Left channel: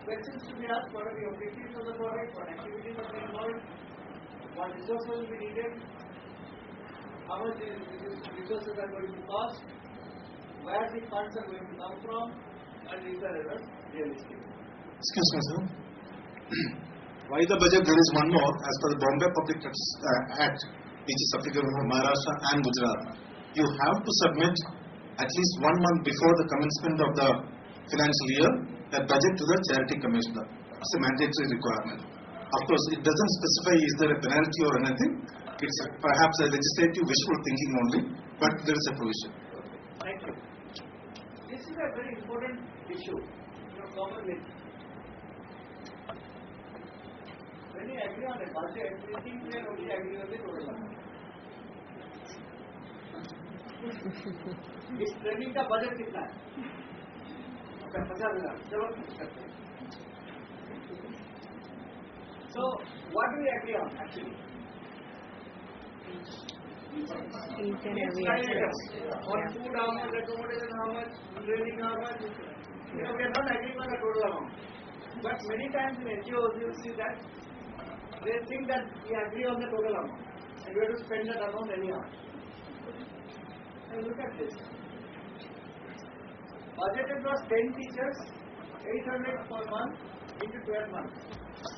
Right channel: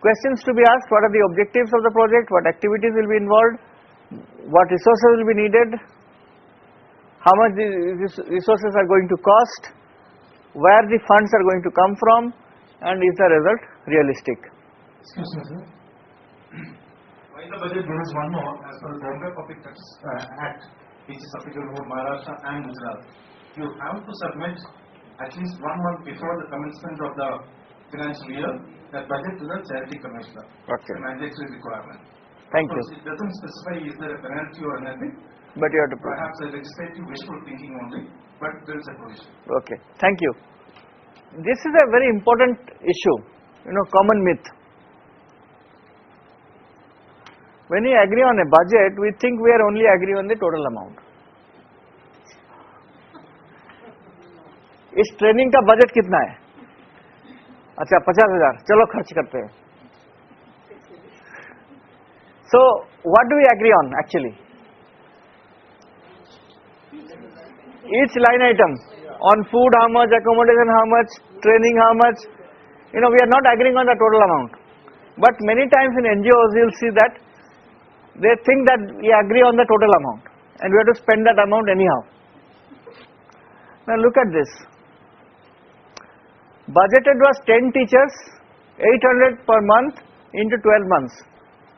questions to be asked: what are the objectives of the project, what activities will be involved, what resources will be needed, how much these resources are going to cost, where the funds are going to come from, and is the result realistic. Excuse me, sir. Why the budget? There is one more. As per the Bombay Public Act, which is applicable for Maharashtra and Gujarat, you have to submit at least 1 month before the commencement of the financial year that budget to the charity commissioner. Okay. It's a mandatory requirement. Thank of course, you. it doesn't specify is there a penalty or anything. But you have to perhaps a legislative wishful thinking only, but there is a provision. Okay, thank you. This is a very important issue, common myth. When we agree on a budget, we think we are only agreeing on the total amount. इस training का budget कितना है? अच्छा 50,000, चलो खर्च करते हैं. So what do we agree on actually? Each line item, on food how much, accommodation how much, training how much, we are not agreeing on the total amount. But many times in NGOs you will see that they think that we agree on the total amount and we have to spend that amount anyhow. Now look at this. Budgeted was 10 teachers, 800 per month into 12 months,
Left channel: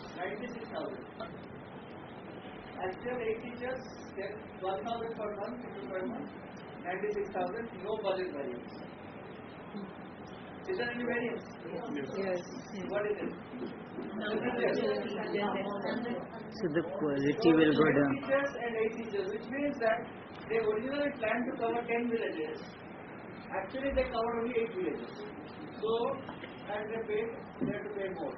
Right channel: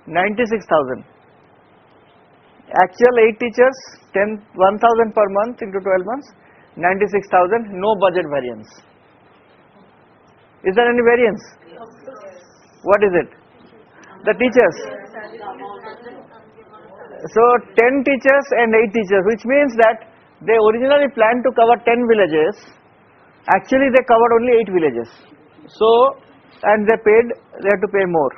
96,000. Actual 8 teachers, 1,000 per month into 12 months, 96,000, no budget variance. Is there any variance? Yes. What is it? The teachers. So 10 teachers and 8 teachers, which means that they originally planned to cover 10 villages. Actually they covered only 8 villages. So, and they had to pay more.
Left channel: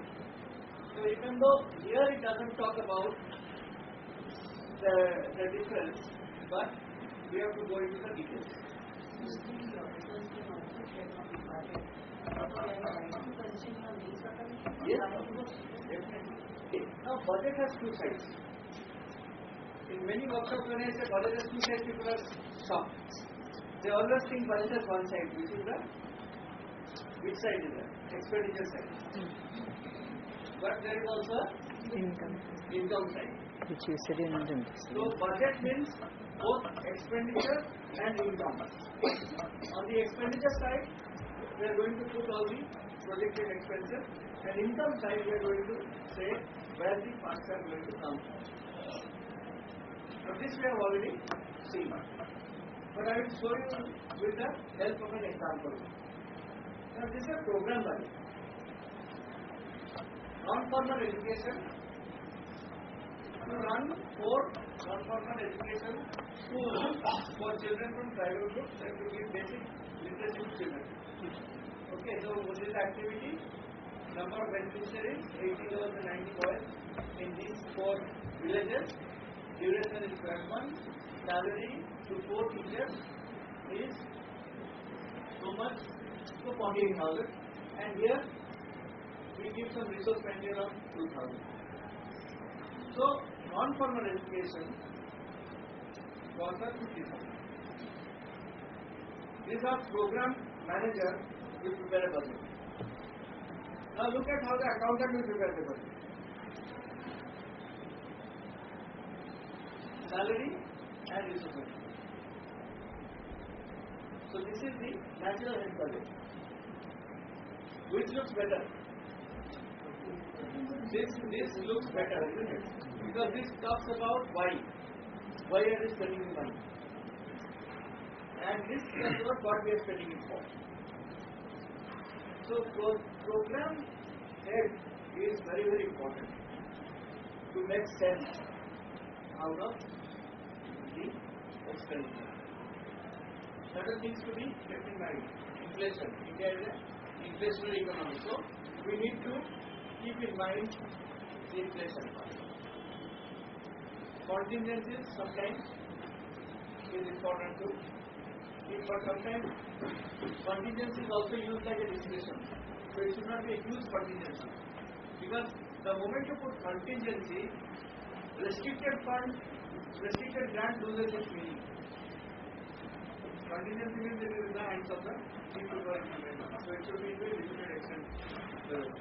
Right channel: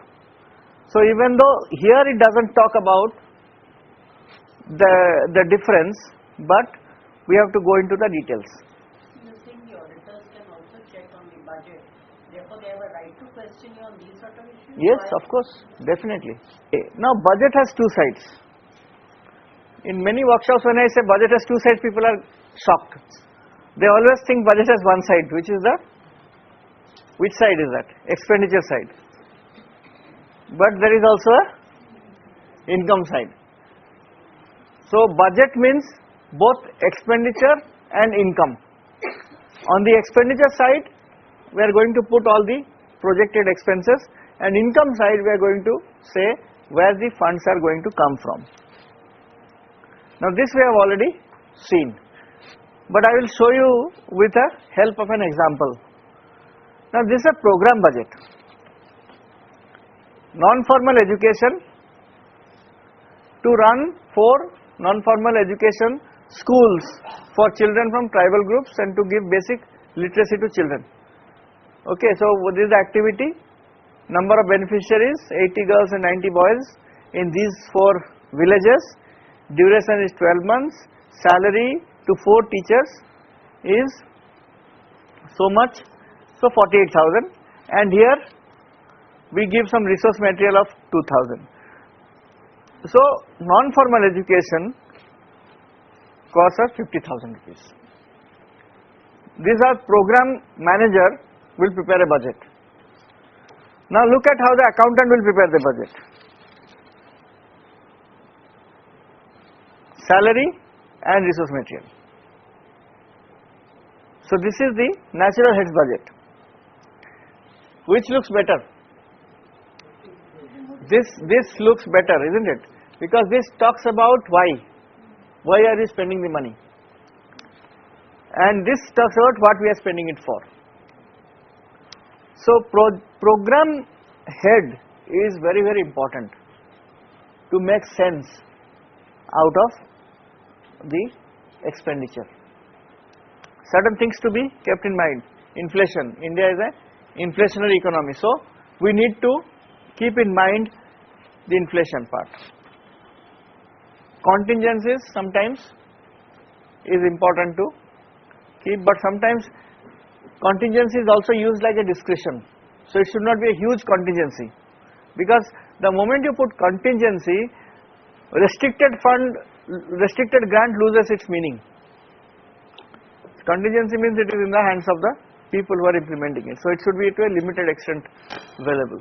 So even though here it doesn't talk about the difference, but we have to go into the details. Yes, of course, definitely. Now budget has two sides. In many workshops when I say budget has two sides, people are shocked. They always think budget has one side, which side is that? Expenditure side. But there is also a income side. So budget means both expenditure and income. On the expenditure side, we are going to put all the projected expenses, and income side we are going to say where the funds are going to come from. Now this we have already seen, but I will show you with the help of an example. Now this is a program budget. Non-formal education, to run 4 non-formal education schools for children from tribal groups and to give basic literacy to children. Okay, so this is the activity. Number of beneficiaries 80 girls and 90 boys in these 4 villages. Duration is 12 months. Salary to 4 teachers is so much, so 48,000, and here we give some resource material of 2,000. So non-formal education costs us 50,000 rupees. These are program manager will prepare a budget. Now look at how the accountant will prepare the budget. Salary and resource material. So this is the natural heads budget. Which looks better? This looks better, isn't it? Because this talks about why. Why are we spending the money? And this talks about what we are spending it for. So program head is very, very important to make sense out of the expenditure. Certain things to be kept in mind. Inflation. India is an inflationary economy. So we need to keep in mind the inflation part. Contingencies sometimes is important to keep, but sometimes contingency is also used like a discretion. So it should not be a huge contingency, because the moment you put contingency, restricted grant loses its meaning. Contingency means it is in the hands of the people who are implementing it. So it should be to a limited extent available.